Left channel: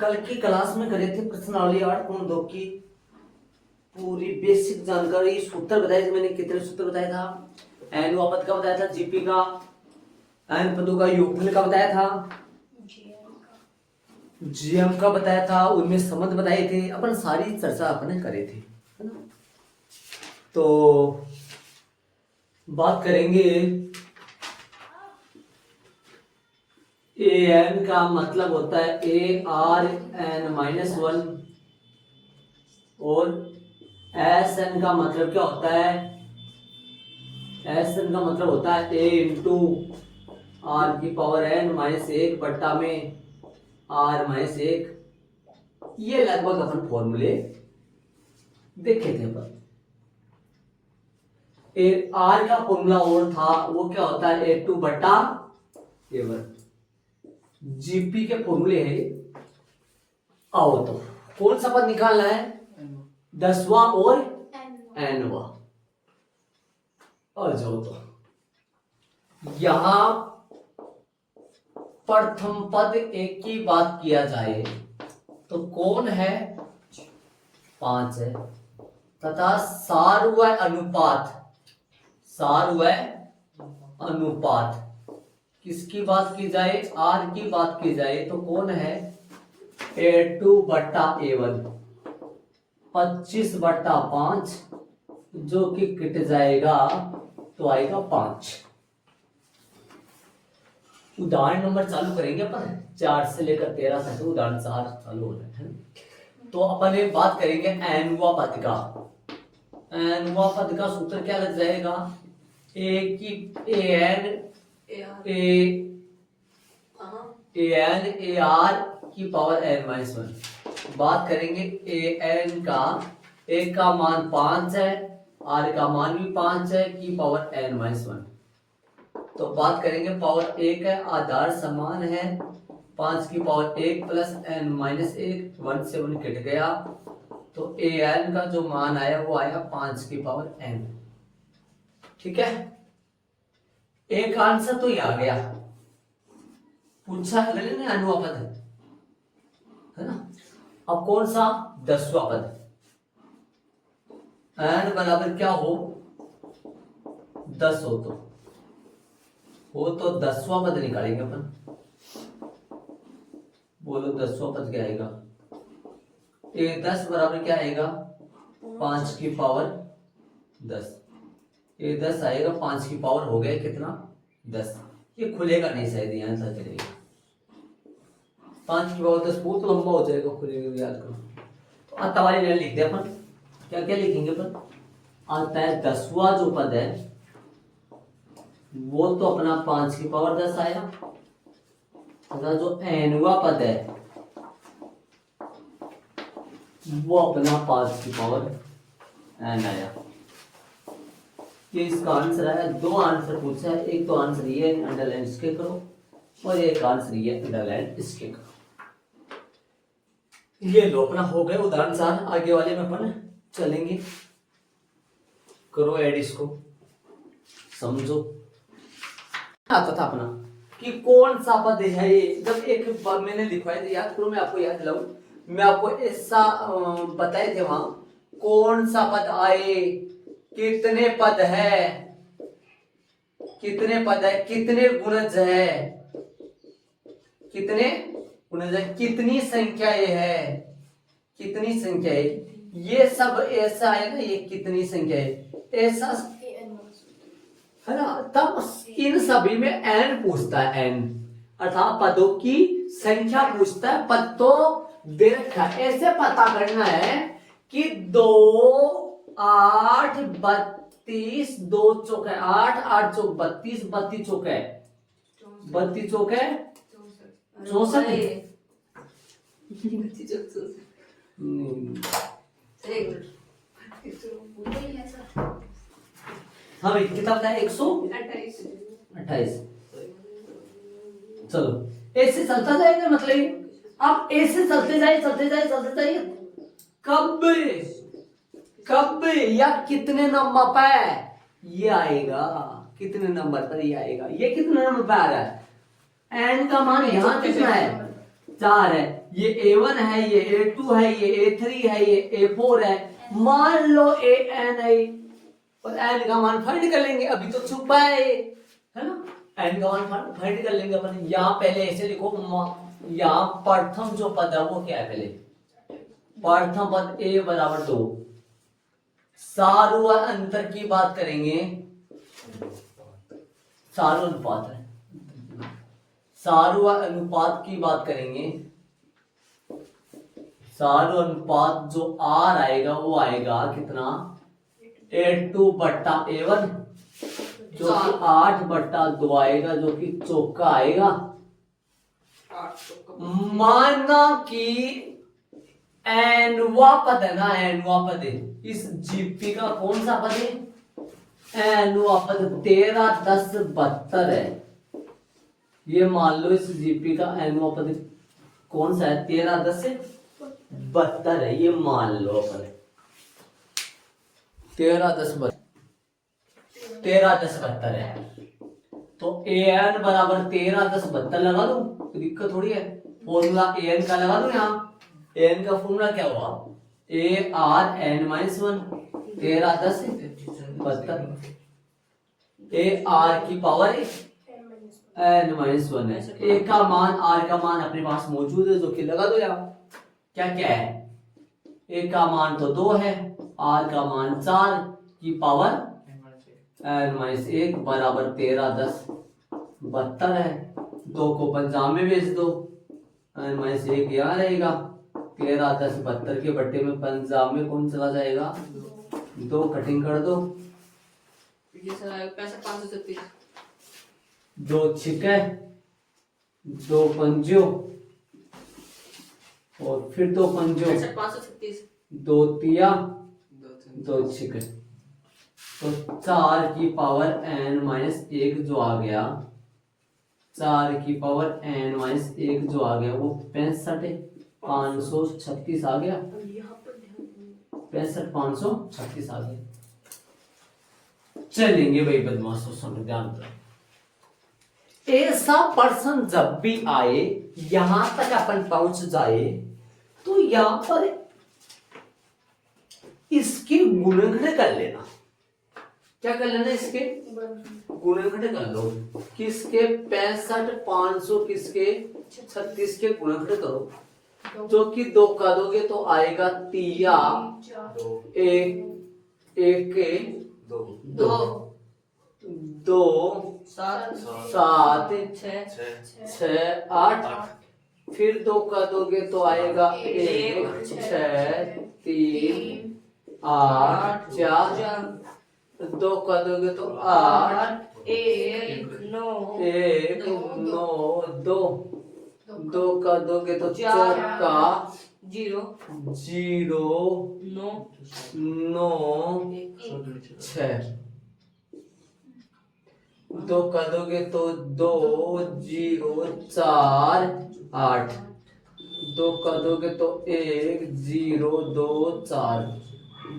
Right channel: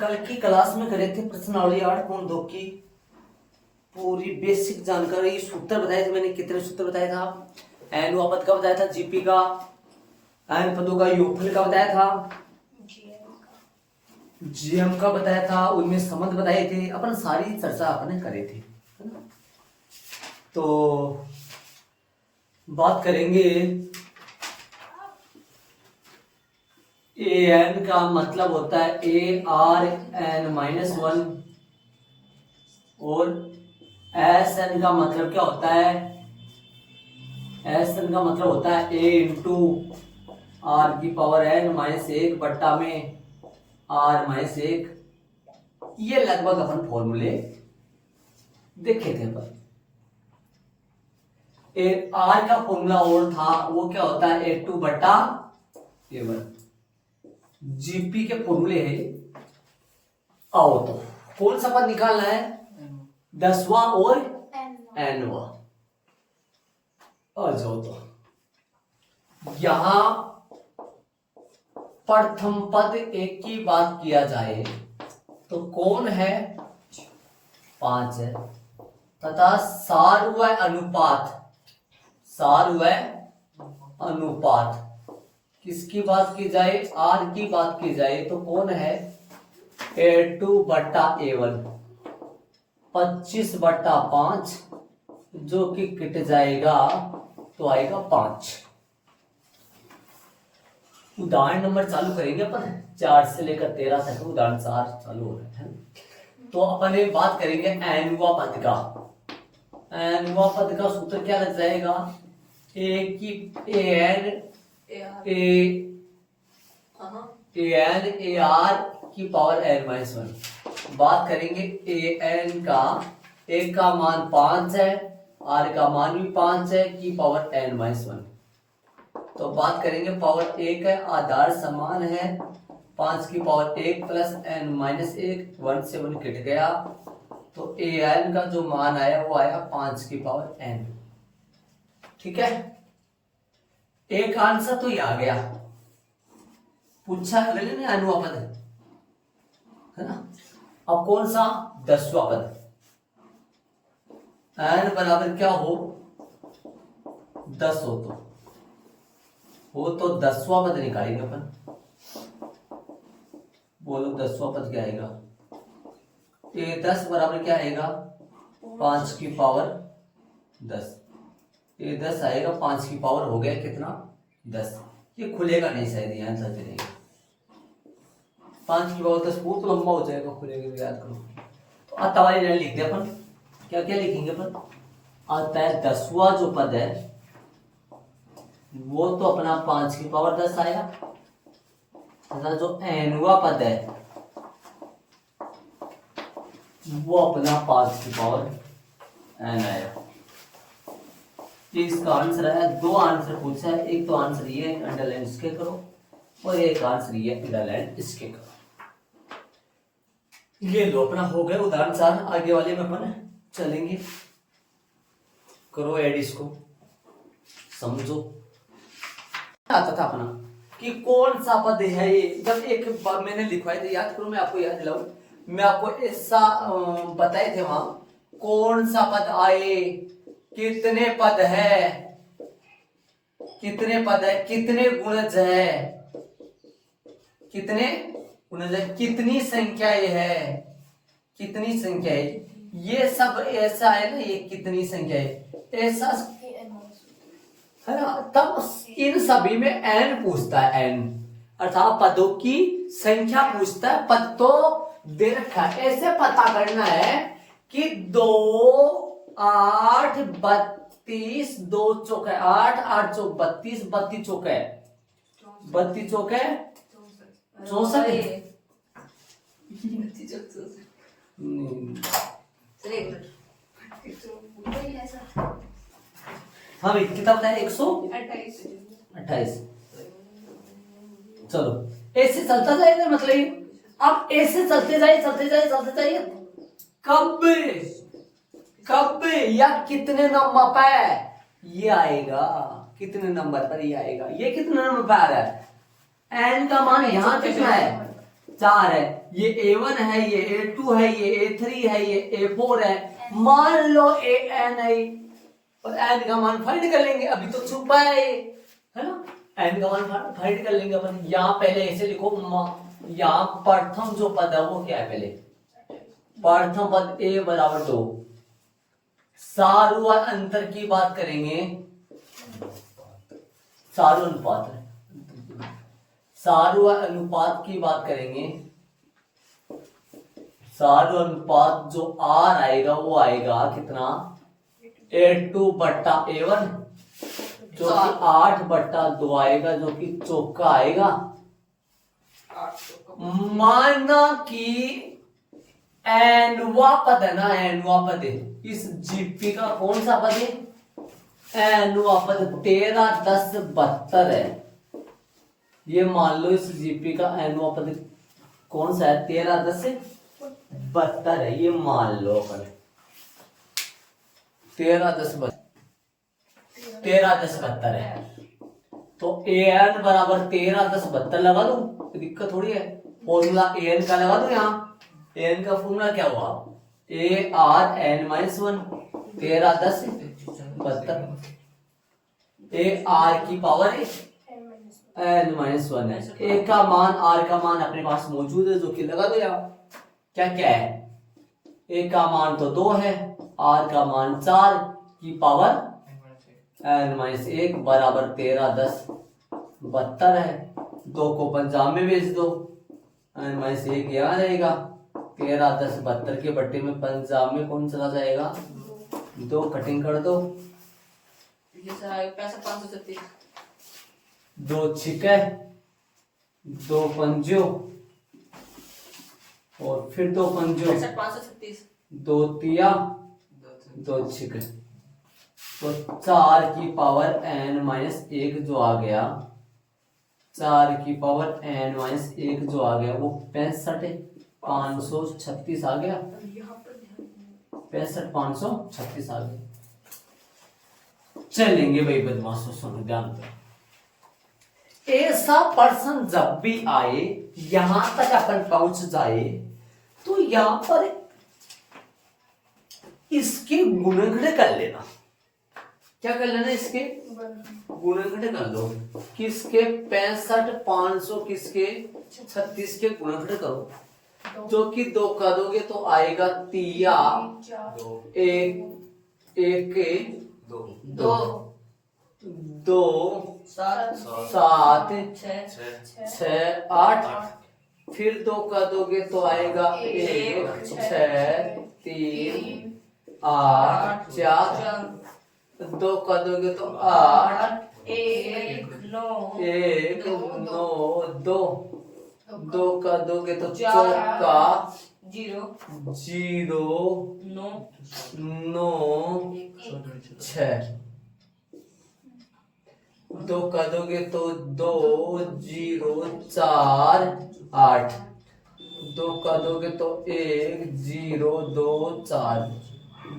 कल की क्लास में करे थे प्रश्नावली 8.2 की पूरी बेसिक जानकारी। सूत्र बताए थे मैंने, कितने सूत्र बताया था। एन वापत का बताया था, जीपी का, एन पदों का योगफल का बताया था, जीएम का बताया था, उनमें संबंध बताए थे। अपन सारी चर्चा अपन करे थे, है ना। तो बात करेंगे ए एन का मतलब होता है ए आर एन -1 और एस एन का मतलब क्या होता है, एस एन का मतलब होता है ए इंटू आर की पावर एन -1 बट्टा में आर -1। ये लगभग अपन फॉर्मूले देखे थे। पर ए आर का फॉर्मूला और था, वो क्या होता है ए टू बट्टा ए वन। जीपी के फॉर्मूले है। आओ तो कौन सा पद निकालना है, 10वां और एनवा। आ जाओ तो यहां प्रथम पद एक की बात किया जाए तो कौन है, 5 है, तथा सार व अनुपात, सार व अनुपात किसकी बात की जाए, आर की बात की जाए तो कौन है, A2 बट्टा A1, 25/5 जो कि कट जाएगा तो आएगा 5। उदाहरण नंबर चालू करेंगे अपन, 4 से लेकर 13 तक उदाहरण 4 चालू हो रहे हैं। तो अपन बात करेंगे एनवा पद का। एनवा पद का सूत्र क्या लग जाएगा, ए की ए एन ए आर की पावर n-1। बात करेंगे ए एन का, एक का मान 5 है, आर का मान भी 5 है, की पावर n-1। तो बात करेंगे पावर 1 है, आधार समान है, 5 की पावर 1 प्लस n-1, 1 से 1 कट गया तो ए एन का जो मान आया वो आया 5 की पावर n। ठीक है, एक आंसर तो ये आ गया, पूछा अनुवा पद है ना। अब कौन सा, 10वां पद, एन बराबर क्या हो, 10 हो तो 10वां पद निकालेंगे अपन। बोलो 10वां पद क्या आएगा, ए 10 बराबर क्या आएगा, 5 की पावर 10। ए 10 आएगा, 5 की पावर हो गया कितना, 10। ये खुलेगा नहीं शायद, यहां से चलेगा, 5 की पावर 10 बहुत लंबा हो जाएगा, खुलेगा भी, याद करो। तो आता वाले लाइन लिख दे अपन, क्या क्या लिखेंगे अपन, आता है 10वां जो पद है वो तो अपना 5 की पावर 10 आया, तथा जो एनवा पद है वो अपना 5 की पावर एन आया। ये इसका आंसर है। 2 आंसर पूछा है, एक तो आंसर ये अंडरलाइन इसके करो और एक आंसर ये अंडरलाइन इसके करो। ये लो अपना हो गए उदाहरण 4। आगे वाले में अपन चलेंगे, करो ऐड इसको, समझो। आता था अपना कि कौन सा पद है ये, जब एक बार मैंने लिखवाया था, याद करो, मैं आपको याद दिलाऊं, मैं आपको ऐसा बताए थे वहां, कौन सा पद आए, कितने पद है, कितने पद है, कितने गुणज है, कितने गुणज है, कितनी संख्या ये है, कितनी संख्या है, ये सब ऐसा है ना, ये कितनी संख्या है ऐसा है ना। तब इन सभी में एन पूछता है, एन अर्थात पदों की संख्या पूछता है। पद तो दे रखा है, ऐसे पता करना है कि 2 8 32, 2 चौक है 8, 8 चौक 32, 32 चौक है 32 चौक है 64। हाँ भाई कितना होता है, 128। चलो ऐसे चलता जाएगा, मतलब अब ऐसे चलते जाए चलते जाए चलते जाइए, कब कब या कितने नंबर पर ये आएगा, कितने नंबर पर ये आएगा, ये कितने नंबर पर आ रहा है, एन का मान यहां कितना है, 4 है, ये A1 है, ये A2 है, ये A3 है, ये A4 है। मान लो AN है और n का मान फाइंड कर लेंगे, अभी तो छुपा है ये, है ना। n का मान फाइंड कर लेंगे अपन। यहाँ पहले ऐसे लिखो, यहाँ प्रथम जो पद है वो क्या है, पहले प्रथम पद a बराबर 2। सारू और अंतर की बात करेंगे, सारू अनुपात है, सारू और अनुपात की बात करेंगे। सारू अनुपात जो R आएगा वो आएगा कितना, A2 बट्टा A1, जो कि 8/2 आएगा, जो कि चौका आएगा। माना कि एनवा पद है ना, एनवा पद है, इस जीपी का कौन सा पद है, एनवा पद 13, 10, 72 है। ये मान लो इस जीपी का एनवा पद कौन सा है, 13, 10, 72 है। ये मान लो अपन 13, 10, 72 है। तो an बराबर 13, 10, 72 लगा दो, तो दिक्कत थोड़ी है। फॉर्मूला an का लगा दो, यहाँ an का फॉर्मूला क्या हुआ, ARn-1, 13, 10, 72। AR की पावर n-1 है। a का मान, r का मान अपने पास मौजूद है, जो कि लगा दो यहाँ। क्या क्या है, a का मान तो 2 है, r का मान 4 की पावर n-1 बराबर 13, 10, 72 है। 2 को पंजाब में भेज दो, n-1 यहाँ रहेगा, 13, 10, 72 के बट्टे में पंजाब में कौन चला जाएगा, 2 कटिंग कर दो, ये सर आएगा 6536। 2 छिके, 2 पंजो और फिर 2 पंजो, 6536। 2 तिया, 2 छिके, तो 4 की पावर n-1 जो आ गया, 4 की पावर n-1 जो आ गया वो 65,536 आ गया, 65,536 आ गया। चलेंगे भाई बदमाशों, सुनो ध्यान करो। ऐसा पर्सन जब भी आए, यहां तक अपन पहुंच जाए, तो यहां पर इसके गुणनखंड कर लेना। क्या कर लेना, इसके गुणनखंड कर दो। किसके, 65,500 किसके 36 के गुणनखंड करो, जो कि 2 कर दोगे तो आएगा 3 1 के 2 2 7 6 8, फिर 2 कर दोगे तो आएगा 1 6 3 8 4, 2 कर दोगे तो 8 1 9 2 2 कर दोगे तो चौका 0 9 9 6, 2 कर दोगे तो 2 0 4 8, 2 कर दोगे तो 1 0 2 4,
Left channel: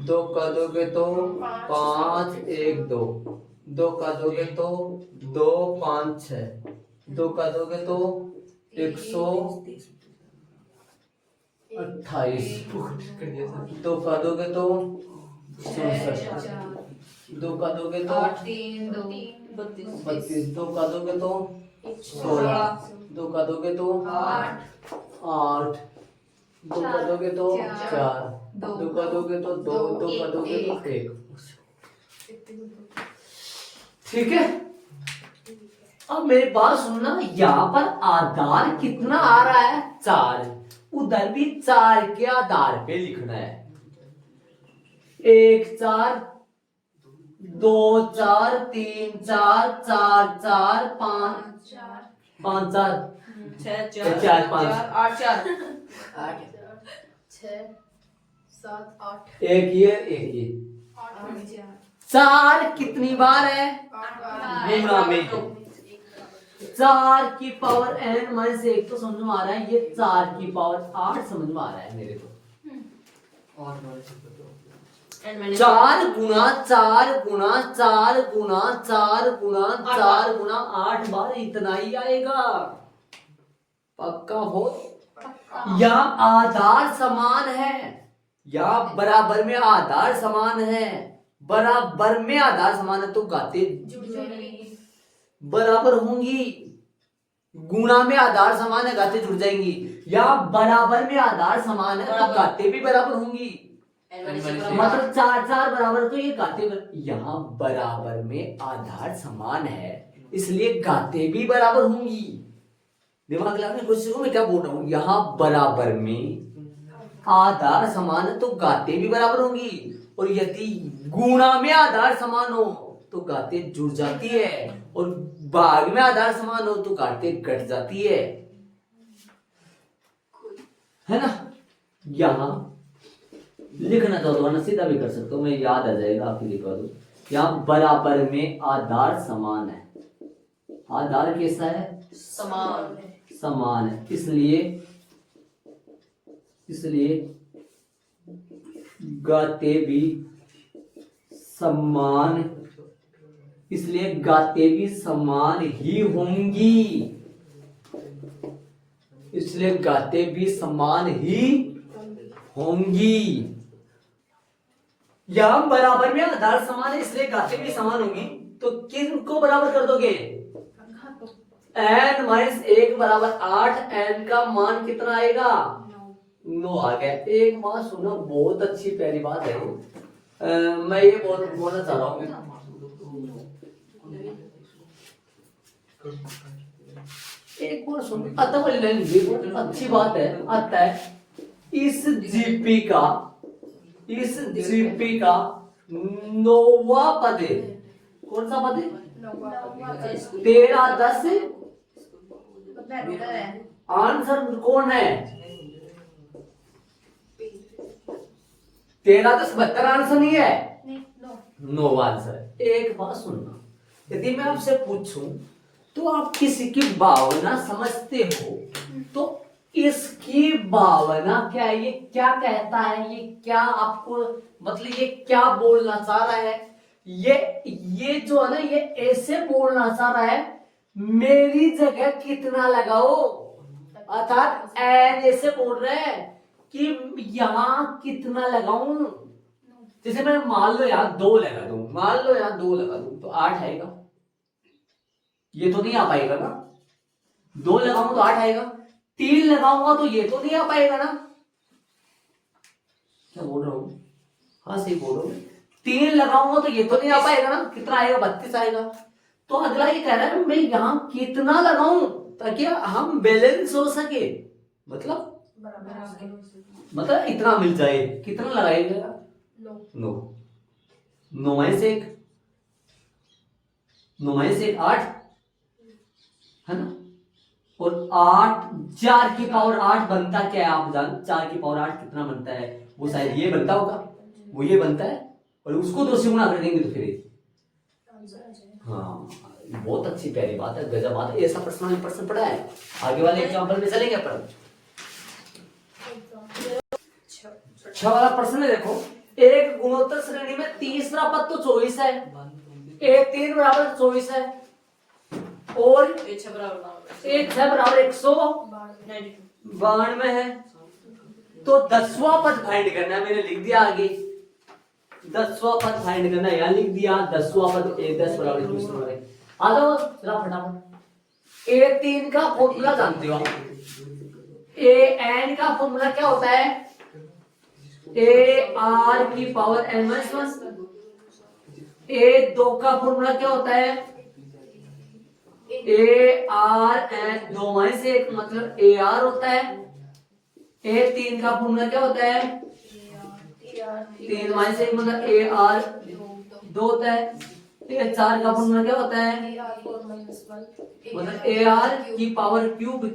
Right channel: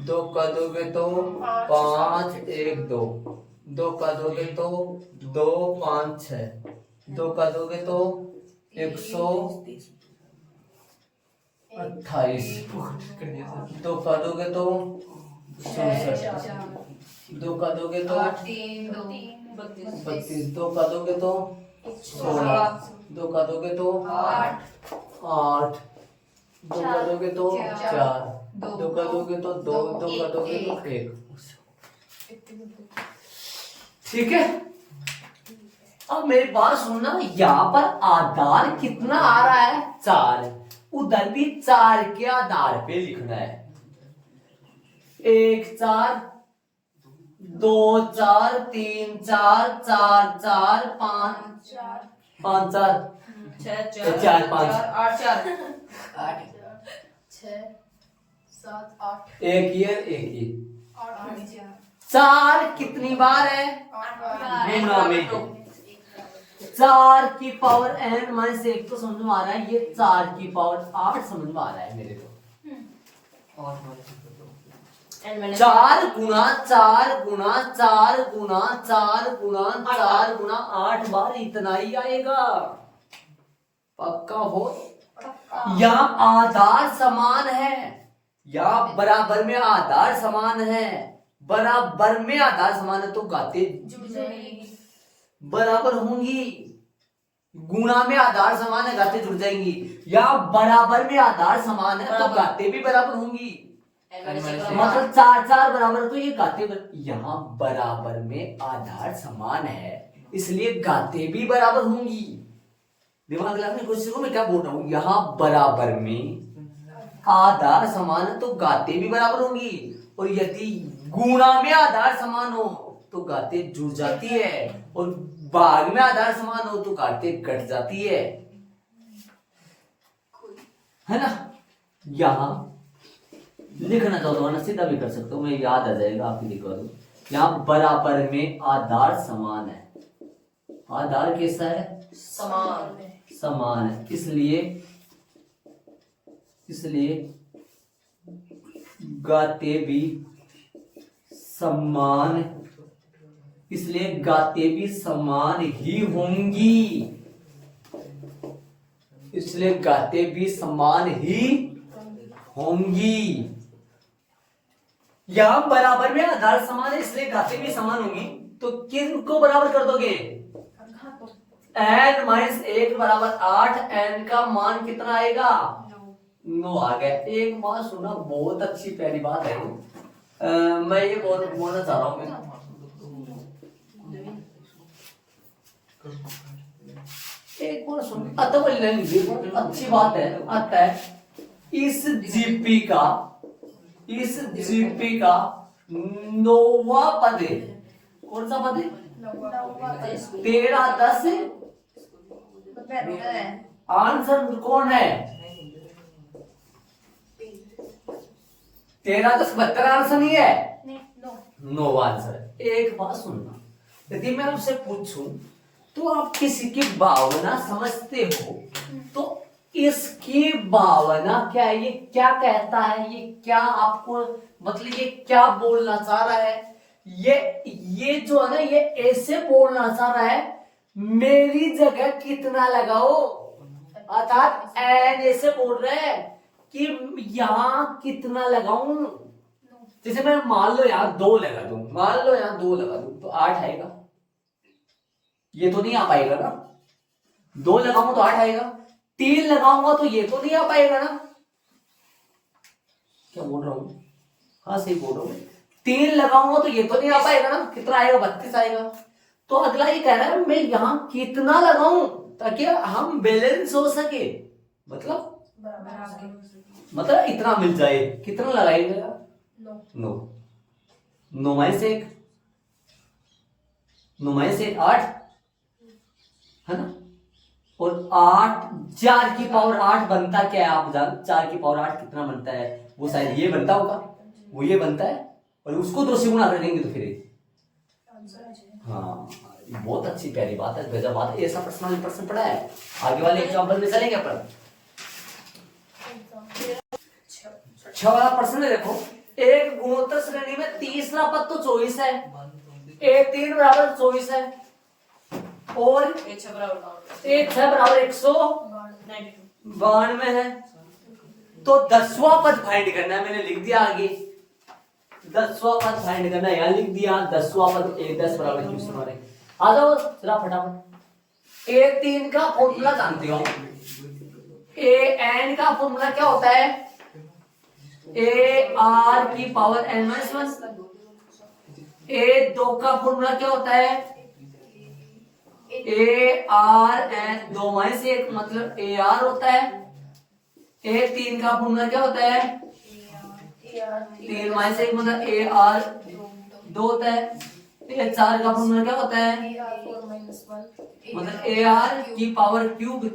2 कर दोगे तो 5 1 2, 2 कर दोगे तो 2 5 6, 2 कर दोगे तो 128, 2 कर दोगे तो 64, 2 कर दोगे तो 32, 2 कर दोगे तो 16, 2 कर दोगे तो 8, 2 कर दोगे तो 4, 2 कर दोगे तो 2, 2 कर दोगे तो 1। ठीक है, अब मेरी बात सुनना, यहाँ पर आधार कितना आ रहा है, 4, उधर भी 4 के आधार पे लिखना है। 1 4 2 4 3 4 4 4 5 5 4 4 5 8 4 8 6 7 8 एक ये 4 कितनी बार है, गुणा में 4 की पावर n-1 तो समझ में आ रहा है, ये 4 की पावर 8 समझ में आ रहा है मेरे को। 4 गुना 4 गुना 4 गुना 4 गुना 4 गुना 8 बार इतना ही आएगा, पक्का हो। यहाँ आधार समान है, यहाँ बराबर में आधार समान है, बराबर में आधार समान है तो घाते जुड़ जाएगी। बराबर होंगी। गुणा में आधार समान है, घाते जुड़ जाएंगी। यहाँ बराबर में आधार समान है तो घाते भी बराबर होंगी। मतलब 4 बराबर तो ये घाते यहाँ बराबर में आधार समान है इसलिए घाते भी बराबर होंगी। दिमाग लगाने की कोशिश करो, मैं क्या बोल रहा हूँ। यहाँ बराबर में आधार समान है तो घाते भी बराबर होंगी, और यदि गुणा में आधार समान हो तो घाते जुड़ जाती है, और भाग में आधार समान हो तो घाते घट जाती है ना। यहाँ लिखना चाहो तो वरना सीधा भी कर सकते हो, मैं याद आ जाएगा आपकी लिखवा दो। यहाँ बराबर में आधार समान है, आधार कैसा है, समान है, इसलिए गाते भी समान, इसलिए गाते भी समान ही होंगी, इसलिए गाते भी समान ही होंगी। यहां बराबर में आधार समान है इसलिए गाते भी समान होंगी, तो किनको बराबर कर दोगे, n माइनस 1 बराबर 8, n का मान कितना आएगा, 9 आ गया। एक बात सुना, बहुत अच्छी पहली बात है मैं ये बोलना चाह रहा हूँ। एक बार सुन, अच्छी बात है, आता है इस जीपी का 9वां पद है। कौन सा पद है, 13 10 आंसर कौन है, 13 10 72 आंसर नहीं है, 9 आंसर। एक बात सुनना, यदि मैं आपसे पूछूं तो आप किसी की भावना समझते हो तो इसकी भावना क्या है, ये क्या कहता है, ये क्या आपको मतलब ये क्या बोलना चाह रहा है, ये जो है ना ये ऐसे बोलना चाह रहा है मेरी जगह कितना लगाओ, अर्थात एन ऐसे बोल रहे हैं कि यहां कितना लगाऊं। जैसे मैं मान लो यहाँ 2 लगा दूं, मान लो यहाँ 2 लगा दूं तो 8 आएगा, ये तो नहीं आ पाएगा ना। 2 लगाऊंगा तो 8 आएगा, 3 लगाऊंगा तो ये तो नहीं आ पाएगा ना। क्या बोल रहा हूं, हाँ सही बोल रहा हूं, 3 लगाऊंगा तो ये तो नहीं आ पाएगा ना, कितना आएगा, 32 आएगा। तो अगला ये कह रहा है मैं यहां कितना लगाऊं ताकि हम बैलेंस हो सके, मतलब इतना मिल जाए। कितना लगाएगा, 9 माइनस 1, 9 माइनस 1 8 है ना, और 8 4 की पावर 8 बनता क्या है आप जान, 4 की पावर 8 कितना बनता है, वो शायद ये बनता होगा, वो ये बनता है, और उसको 2 से गुणा कर देंगे तो फिर हाँ, बहुत अच्छी प्यारी बात है, गजब बात है। ऐसा प्रश्न पढ़ा है, आगे वाले एग्जांपल में चलेंगे अपन। 6 वाला प्रश्न है, देखो एक गुणोत्तर श्रेणी में तीसरा पद तो 24 है, एक 3 बराबर 24 है, और एक 6 बराबर 192 है, तो 10वां पद फाइंड करना है। मैंने लिख दिया आगे 10वां पद फाइंड करना है, यहाँ लिख दिया 10वां पद 1 10 बराबर 24 बराबर। आ जाओ जरा फटाफट। A3 का फॉर्मूला जानते हो आप, AN का फॉर्मूला क्या होता है, AR की पावर n-1। A2 का फॉर्मूला क्या होता है, ARN 2 माइनस 1 मतलब AR होता है। A3 का फॉर्मूला क्या होता है, 3 माइनस 1 मतलब AR 2 होता है। A4 का फॉर्मूला क्या होता है, मतलब AR की पावर क्यूब।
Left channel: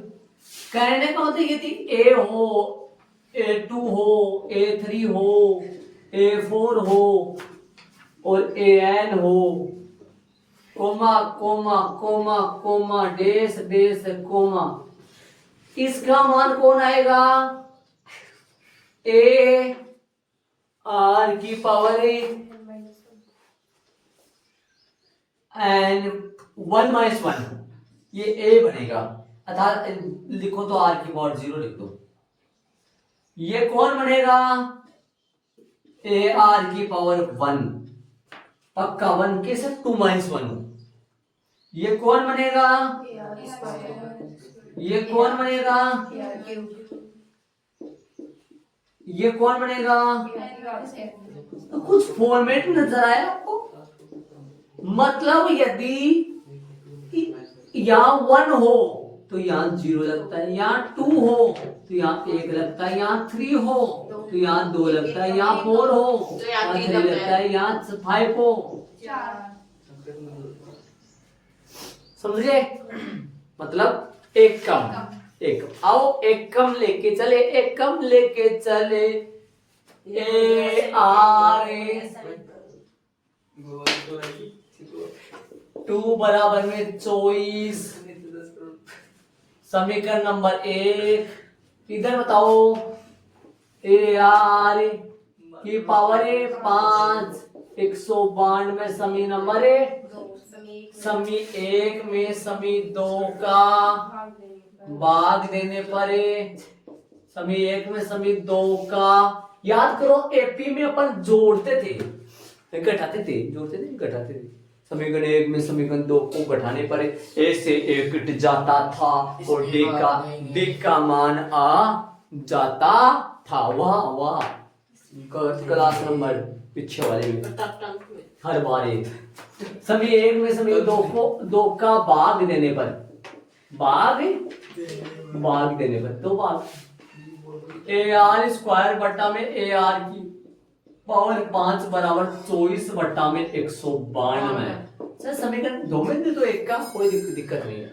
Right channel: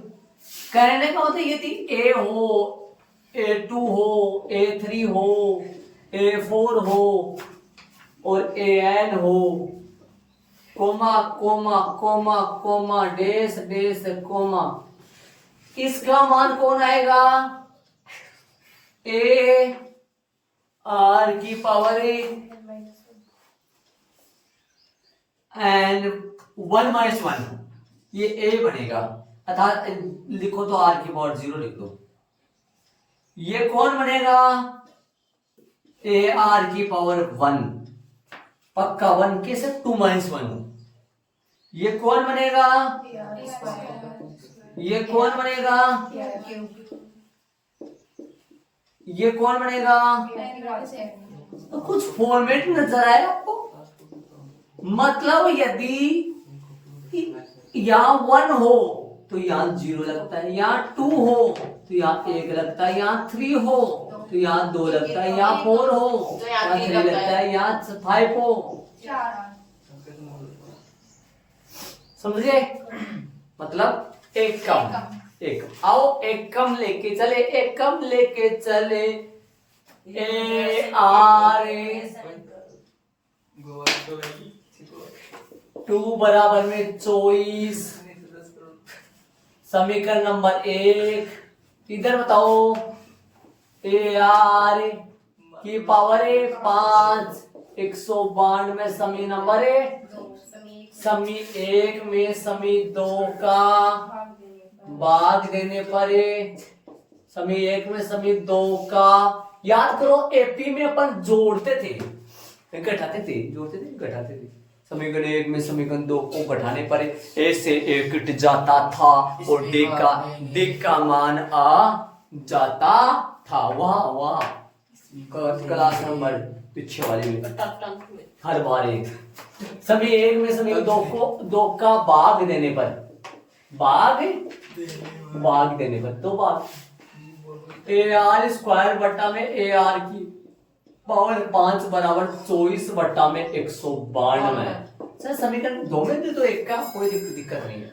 कहने का मतलब ये थी A हो, A2 हो, A3 हो, A4 हो और AN हो, कोमा कोमा कोमा कोमा डेस डेस कोमा, इसका मान कौन आएगा, A R की पावर एन 1 माइनस 1, ये A बनेगा, अर्थात लिखो तो R की पावर 0 लिख दो, ये कौन बनेगा? ए आर की पावर 1, पक्का 1 कैसे 2 - 1 हो। ये कौन बनेगा? ये कौन बनेगा? ये कौन बनेगा? तो कुछ फॉर्मेट नजर आया आपको? मतलब यदि यहाँ 1 हो तो यहाँ 0 लगता है, यहाँ 2 हो तो यहाँ 1 लगता है, यहाँ 3 हो तो यहाँ 2 लगता है, यहाँ 4 हो तो यहाँ 3 लगता है, यहाँ 5 हो। समझिए? मतलब एक कम, एक आओ एक कम लेके चले, एक कम लेके चले। ए आर 2 बराबर में 24। समीकरण नंबर 1 इधर बताओ। ए आर की पावर है 5, 192 समी नंबर है, समी 1 में समी 2 का भाग देने पर है, समी 1 में समी 2 का। याद करो एपी में अपन जोड़ते थे, घटाते थे, जोड़ते थे, घटाते थे। समीकरण 1 में समीकरण 2 को घटाने पर ए से ए कट जाता था और डी का मान आ जाता था। वाह वाह, क्लास नंबर पीछे वाले में हर बार एक समी 1 में समी 2 का भाग देने पर, भाग देने पर 2 भाग ए आर स्क्वायर बट्टा में ए आर की पावर 5 बराबर 24 बट्टा में 192। सर समीकरण 2 में दे दो, एक का कोई दिक्कत नहीं है।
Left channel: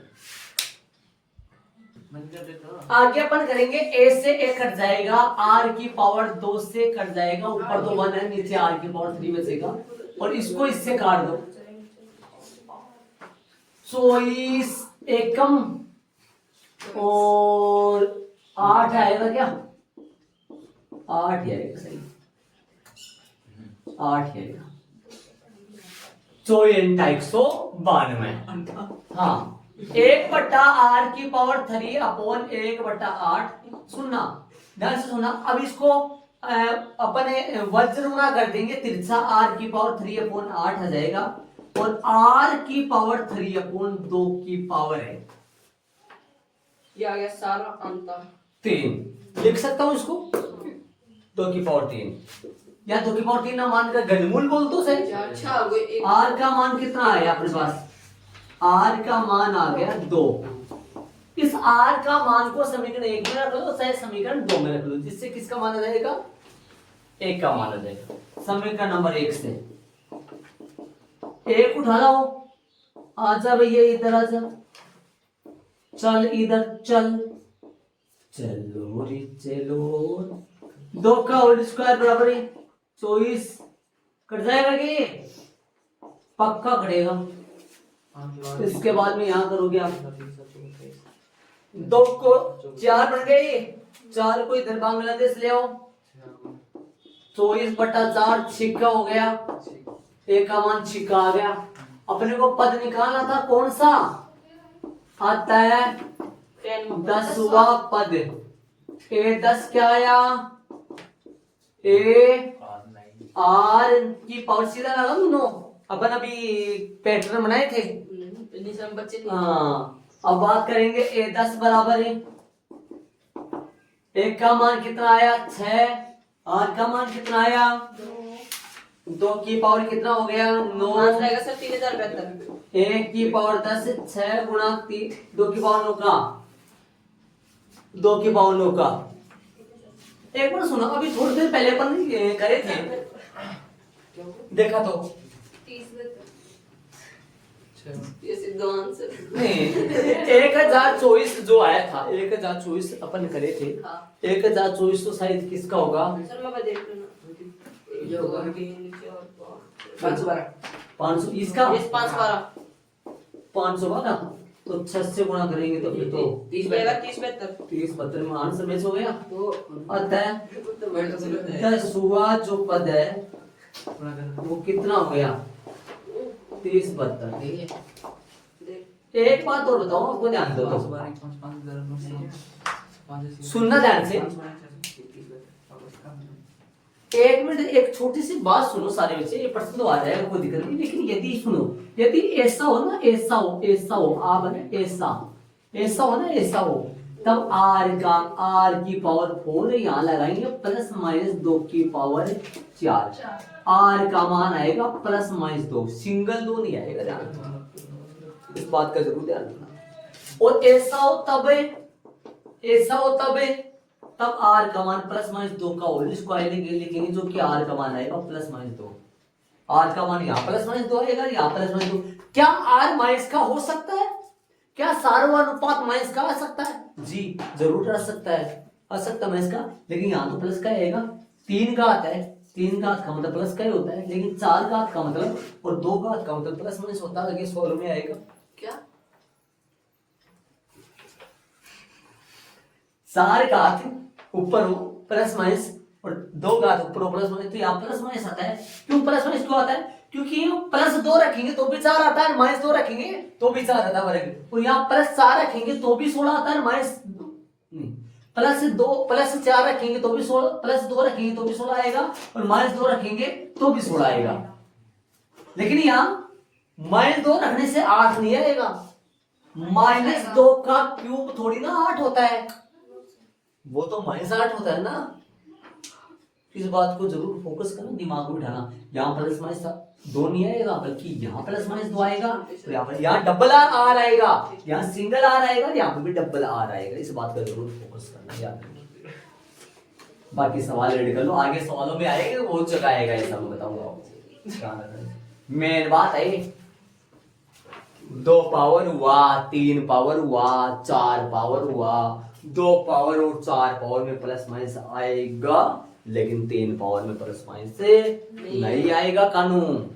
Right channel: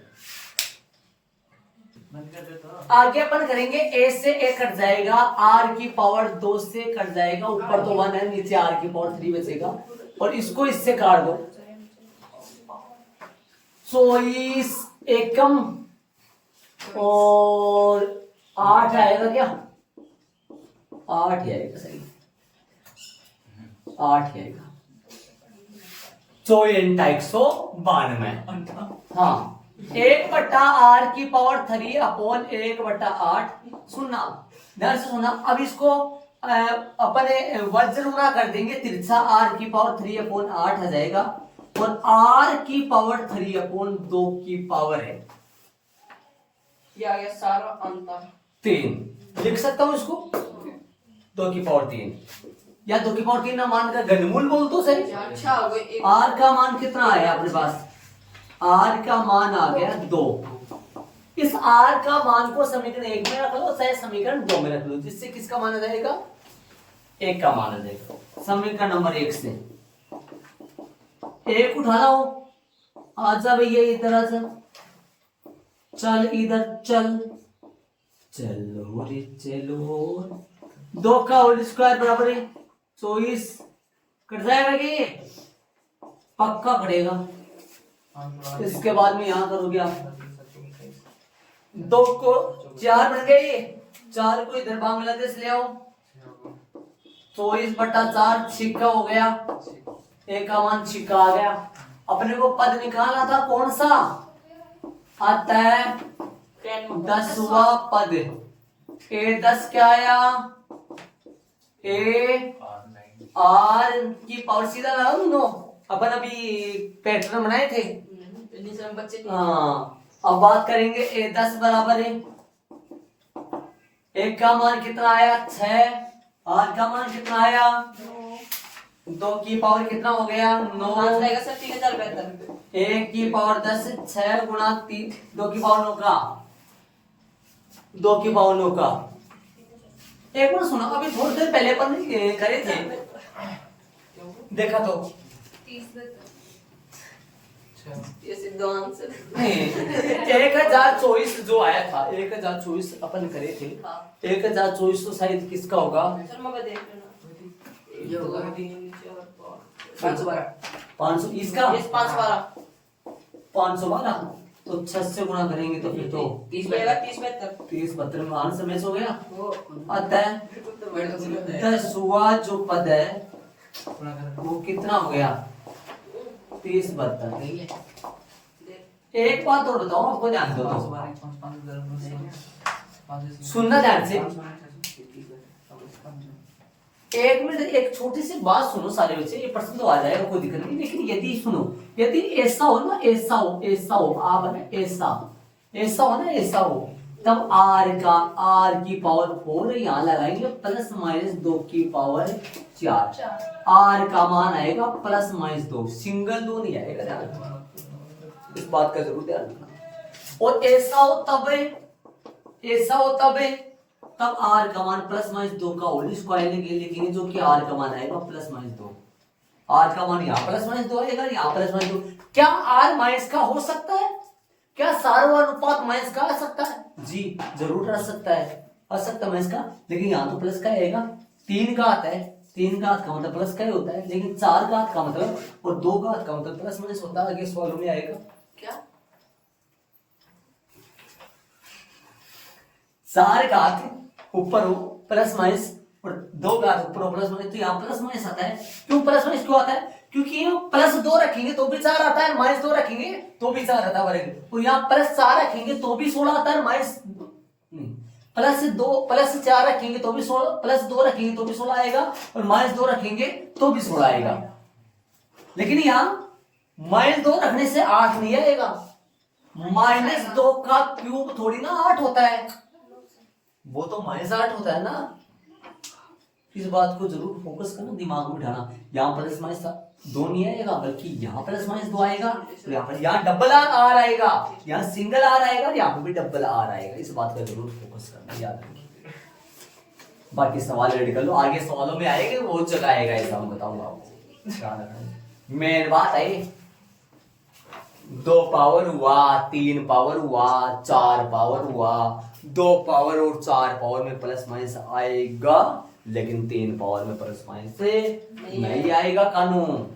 आगे अपन करेंगे ए से ए कट जाएगा, आर की पावर 2 से कट जाएगा, ऊपर तो 1 है, नीचे आर की पावर 3 बचेगा और इसको इससे काट दो। 24 एकम और 8 आएगा क्या? 8 आएगा, सही 8 आएगा। 192। हाँ 1/r की पावर 3 अपॉन 1/8। सुनना ध्यान से सुनना। अब इसको अपने वज्र गुणा कर देंगे, तिरछा r की पावर 3 अपॉन 8 आ जाएगा और r की पावर 3 अपॉन 2 की पावर है ये आ गया सारा अंतर 3। लिख सकता हूं इसको 2 की पावर 3 या 2 की पावर 3 ना मानकर घनमूल बोल दो सही। अच्छा r का मान कितना आया अपने पास? r का मान आ गया 2। इस r का मान को समीकरण 1 में रख लो चाहे समीकरण 2 में रख लो, जिससे किसका मान आ जाएगा? 1 का मान आ जाएगा। समीकरण नंबर 1 से 1 उठा लो, आजा भैया इधर आजा, चल इधर चल, चलो रे चलो। 2 का होल स्क्वायर बराबर है 24। कट जाएगा कि पक्का कटेगा। इसके बाद में यहां करोगे आप 2 को 4 बन गए, 4 को इधर बांग्लादेश ले आओ। 24/4 छिक्का हो गया, 1 का मान छिक्का आ गया। अपने को पद निकालना था, कौन सा आता है? 10वां पद। A10 क्या आया? ए आर की पावर सीधा लगा दोनों। अपन अभी पैटर्न बनाए थे। हाँ अब बात करेंगे A10 बराबर है, 1 का मान कितना आया? 6। आर का मान कितना आया? 2 की पावर कितना हो गया? 9। 3072। 1 की पावर 10, 6 गुणा 3, 2 की पावर 9 का, 2 की पावर 9 का। एक बार सुनो, अभी थोड़ी देर पहले अपन करे थे, देखा तो 1024 जो आया था, 1024 अपन करे थे। 1024 तो शायद किसका होगा? 500 इसका 512। तो 6 से गुणा करेंगे तो फिर तो 3072 में आंसर मैच हो गया। अतः 10वां जो पद है वो कितना हो गया? 3072। एक बात और बताओ, आपको ध्यान दो, सुनना ध्यान से। एक मिनट, एक छोटी सी बात सुनो सारे बच्चे, ये प्रश्न तो आ जाएगा, कोई दिक्कत नहीं, लेकिन यदि सुनो, यदि ऐसा हो ना, ऐसा हो आप ना, ऐसा हो ना, ऐसा हो, तब आर की पावर 4 यहाँ लगाएंगे +-2 की पावर 4, आर का मान आएगा +-2, सिंगल 2 नहीं आएगा, ध्यान रखना, इस बात का जरूर ध्यान रखना। और ऐसा हो तब आर का मान +-2 का होल स्क्वायर लिखेंगे, जो कि आर का मान आएगा +-2, आर का मान यहाँ +-2 आएगा, यहाँ +-2। क्या आर माइनस का हो सकता है? क्या सार्वनुपात माइनस का आ सकता है? जी जरूर आ सकता है, माइनस का, लेकिन यहाँ तो प्लस का आएगा, 3 घात है, 3 घात का मतलब प्लस का ही होता है, लेकिन 4 घात का मतलब और 2 घात का मतलब प्लस माइनस होता है, आगे सॉल्व में आएगा। क्या 4 घात ऊपर हो प्लस माइनस और 2 घात ऊपर हो प्लस माइनस, तो यहाँ प्लस माइनस आता है। क्यों प्लस माइनस क्यों आता है? क्योंकि +2 रखेंगे तो भी 4 आता है, -2 रखेंगे तो भी 4 आता है वर्ग, और यहाँ +4 रखेंगे तो भी 16 आता है, +4 रखेंगे तो भी 16, +2 रखेंगे तो भी 16 आएगा, और -2 रखेंगे तो भी 16 आएगा। लेकिन यहाँ -2 रखने से 8 नहीं आएगा, -2 का क्यूब थोड़ी ना 8 होता है, वो तो -8 होता है ना। इस बात को जरूर फोकस करना, दिमाग में बिठाना। यहाँ +- था 2 नहीं आएगा, बल्कि यहाँ +-2 आएगा, तो यहाँ पर यहाँ डबल आर आएगा, यहाँ सिंगल आर आएगा, यहाँ पे भी डबल आर आएगा। इस बात का जरूर फोकस करना, याद रखना। बाकी सवाल रेडी कर लो, आगे सवालों में आएगा, बहुत जगह आएगा, ऐसा मैं बताऊंगा आपको, ध्यान रखना। मेन बात है 2 पावर हुआ, 3 पावर हुआ, 4 पावर हुआ, 2 पावर और 4 पावर में +- आएगा, लेकिन 3 पावर में +- से नहीं आएगा कानून।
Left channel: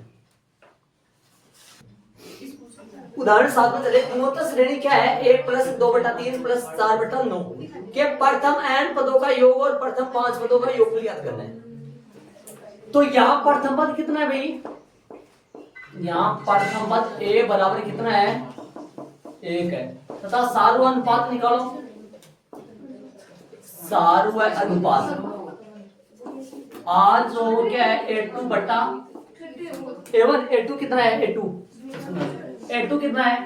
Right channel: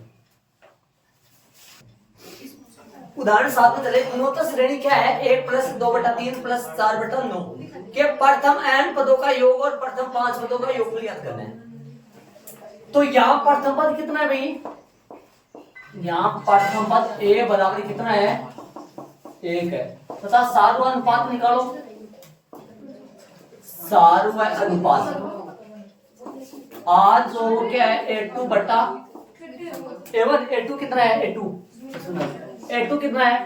उदाहरण 7 में चले, गुणोत्तर श्रेणी क्या है? 1 + 2/3 + 4/9 के प्रथम n पदों का योग और प्रथम 5 पदों का योग ज्ञात करना है। तो यहाँ प्रथम पद कितना है भाई? यहाँ प्रथम पद a बराबर कितना है? 1 है, तथा सारू अनुपात निकालो। सारू अनुपात R जो क्या है? A2 बटा A1, A2 कितना है? A2 कितना है?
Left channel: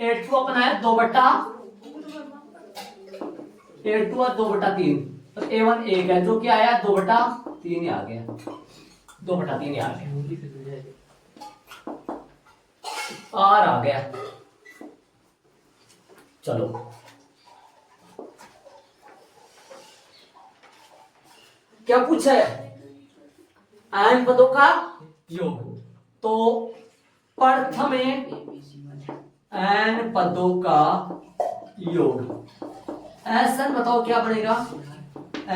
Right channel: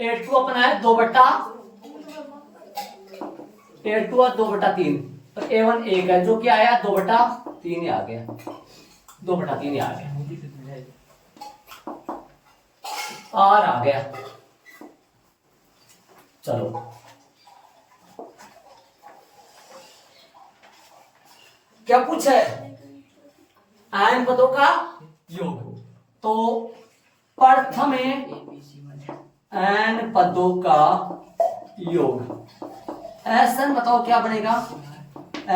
A2 अपना है 2/3, और A1 1 है, जो क्या आया? 2/3 ही आ गया, 2/3 ही आ गया, R आ गया। चलो क्या पूछा है? n पदों का योग, तो प्रथम में n पदों का योग, SN बताओ क्या बनेगा?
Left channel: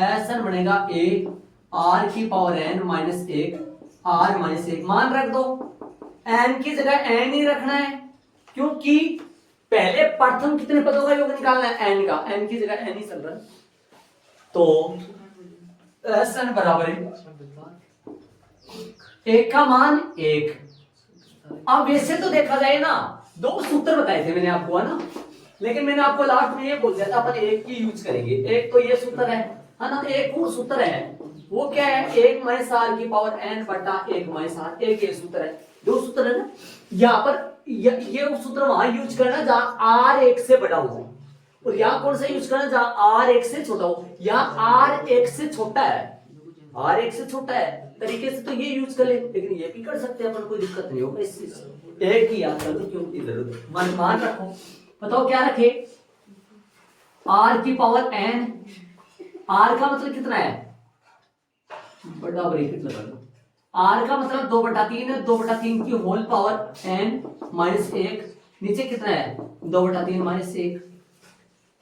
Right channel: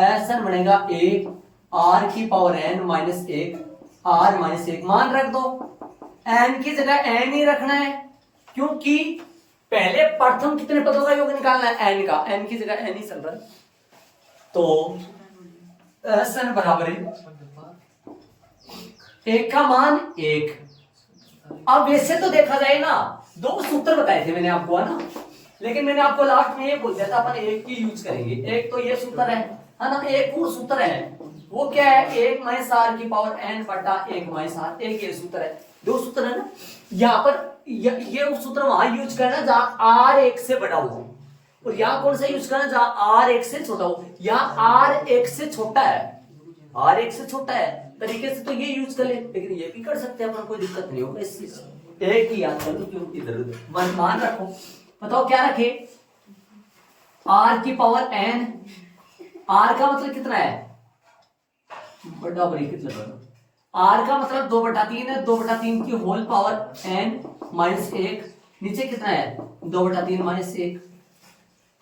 SN बनेगा a r की पावर n -1 r -1, मान रख दो, n की जगह n ही रखना है, क्योंकि पहले प्रथम कितने पदों का योग निकालना है? n का, n की जगह n ही चल रहा है, तो SN बराबर 1 का मान 1। अब वैसे तो देखा जाए ना, 2 सूत्र बताए थे मैंने आपको, है ना, लेकिन मैंने आपको लास्ट में ये बोल दिया था अपन एक की यूज करेंगे। एक तो ये सूत्र है ना, एक और सूत्र है, वो क्या है? 1 - r की पावर n बटा 1 - r, एक ये सूत्र है, 2 सूत्र है ना। यहाँ पर ये सूत्र वहां यूज करना जहां r 1 से बड़ा हो, और यहाँ कौन सा यूज करना? जहां r 1 से छोटा हो। यहाँ r 1 से छोटा है, r 1 से छोटा है तरीके से तो ये यूज कर ले, लेकिन ये भी कर सकते हैं अपन, कोई दिक्कत नहीं होगा इस चीज से। एक ही याद कर लो, क्यों इधर मान रखो। बताओ क्या रखे? r की पावर n, r का मतलब कितना है? बड़ा ब्रैकेट लगा दो, r का मतलब 2/3 है, 2/3 की होल पावर n -1, नीचे कितना है? 2/3 -1।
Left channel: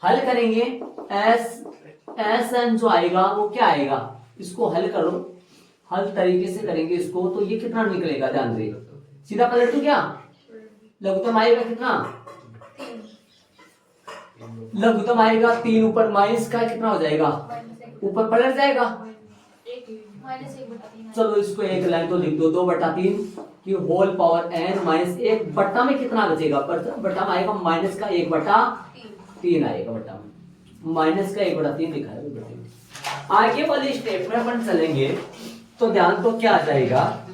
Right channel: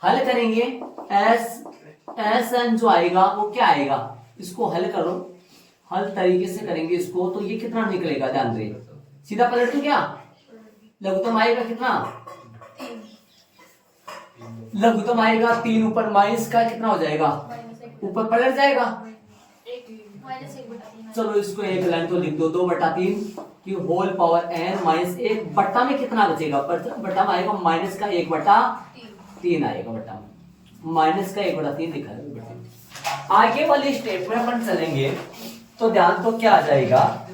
हल करेंगे, SN जो आएगा वो क्या आएगा? इसको हल करो, हल तरीके से करेंगे इसको, तो ये कितना निकलेगा? ध्यान दे, सीधा पलट दो क्या? लघुत्तम आएगा कितना? लघुत्तम आएगा 3, ऊपर माइनस का कितना हो जाएगा? ऊपर पलट जाएगा, चलो इसको एक लाइन तो लिख दो, 2/3 की होल पावर n -1, बट्टा में कितना बचेगा? बट्टा में आएगा माइनस का 1/3 आएगा, बट्टा में माइनस का 1/3 लिखा है। आगे वाले स्टेप में अपन चलेंगे, तो ध्यान तो क्या आ जाएगा,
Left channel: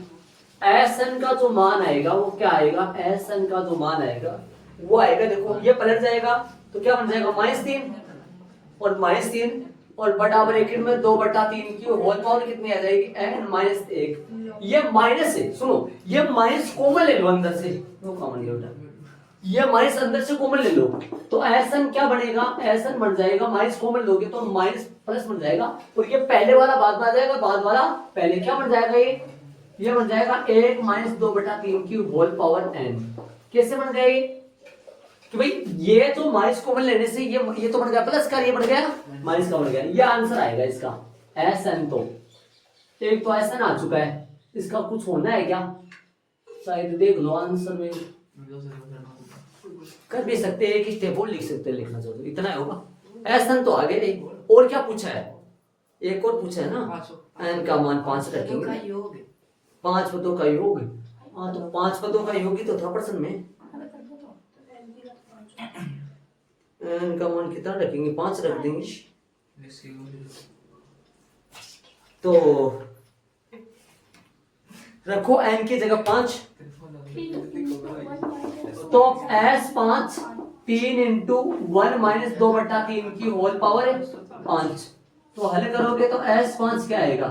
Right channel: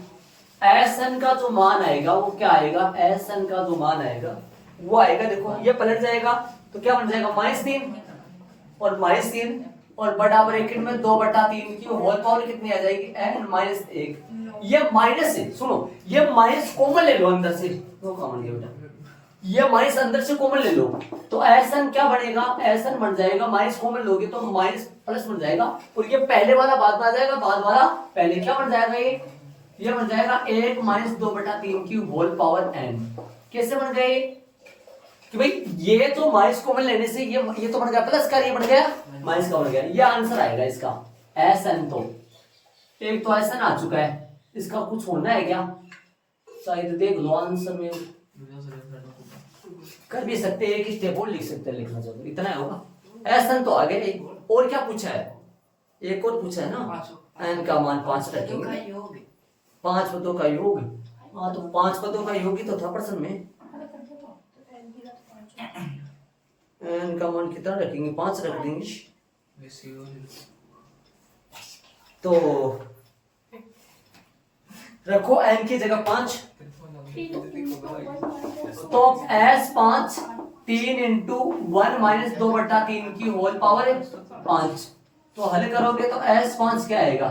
एस एन का जो मान आएगा वो क्या आएगा, एस एन का जो मान आएगा वो आएगा, देखो ये पलट जाएगा तो क्या बन जाएगा -3 और -3 और बटा ब्रैकेट में 2/3 की होल पावर कितनी आ जाएगी, n -1। ये माइनस है, सुनो ये माइनस कॉमन ले लो अंदर से, वो कॉमन ले बेटा, ये माइनस अंदर से कॉमन ले लो तो एसएन क्या बनेगा, एसएन बन जाएगा, माइनस कॉमन लोगे तो माइनस प्लस बन जाएगा और ये पहले वाला बाद में आ जाएगा, बाद वाला पहले, क्या बन जाएगा ये बन जाएगा 1 - 2/3 की होल पावर n। कैसे बन गया ये कि भाई ये तो माइनस कॉमन लेने से ये तो बन गया प्लस का, ये बन गया माइनस का बन गया, ये आंसर आएगा इसका एसएन। तो एक तो एसएन आ चुका है, इसका कुछ होना है क्या, शायद देख लो आंसर में कर भी सकते हैं, एक स्टेप और लिख सकते हैं, लिखना चाहते इतना है होगा। एसएन तो आ गए, और क्या पूछा है, एक और पूछा है ना, एन का मान 5 रखेंगे, 5 पदों का योग। हाँ तो 5 पदों का योग ही तो था प्रश्न में, एन का मान कितना रखेंगे, 5 रख देंगे तो रखो n की जगह 5 तो S5 3 × 1 - 2/3 की होल पावर 5। तो हल करोगे तो S5 क्या आएगा,